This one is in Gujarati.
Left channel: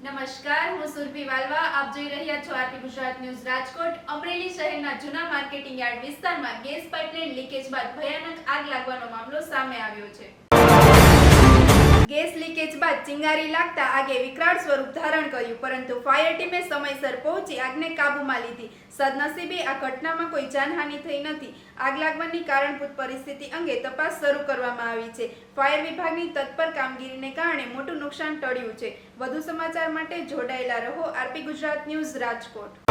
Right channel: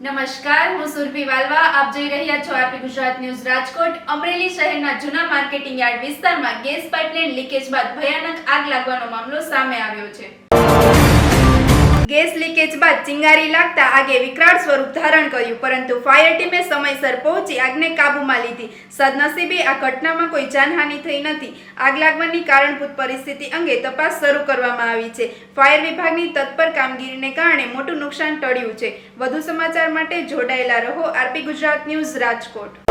નમસ્કાર, હું સુરભી વાલવા. આપ જોઈ રહ્યા છો આરપી ગુજરાત ન્યૂઝ રાજકોટ. અમરેલી શહેરના જૂના માર્કેટિંગ યાર્ડ વિસ્તારમાં ગેસ પાઇપલાઇન લીકેજ બાદ ભયાનક આગ લાગવાનો મામલો સામે આવ્યો છે. ગેસ લીકેજ બાદ ચિંગારી લાગતા આગે વિકરાળ સ્વરૂપ ધારણ કર્યું, પરંતુ ફાયર ટીમે સમયસર પહોંચી આગને કાબૂમાં લીધી. સદનસીબે આ ઘટનામાં કોઈ જાનહાનિ થઈ નથી. આગ લાગવાની કારણભૂત પરિસ્થિતિ અંગે તપાસ શરૂ કરવામાં આવી છે. ફાયર વિભાગની તત્પર કામગીરીને કારણે મોટું નુકસાન ટળ્યું છે. વધુ સમાચાર માટે જોડાયેલા રહો આરપી ગુજરાત ન્યૂઝ રાજકોટ.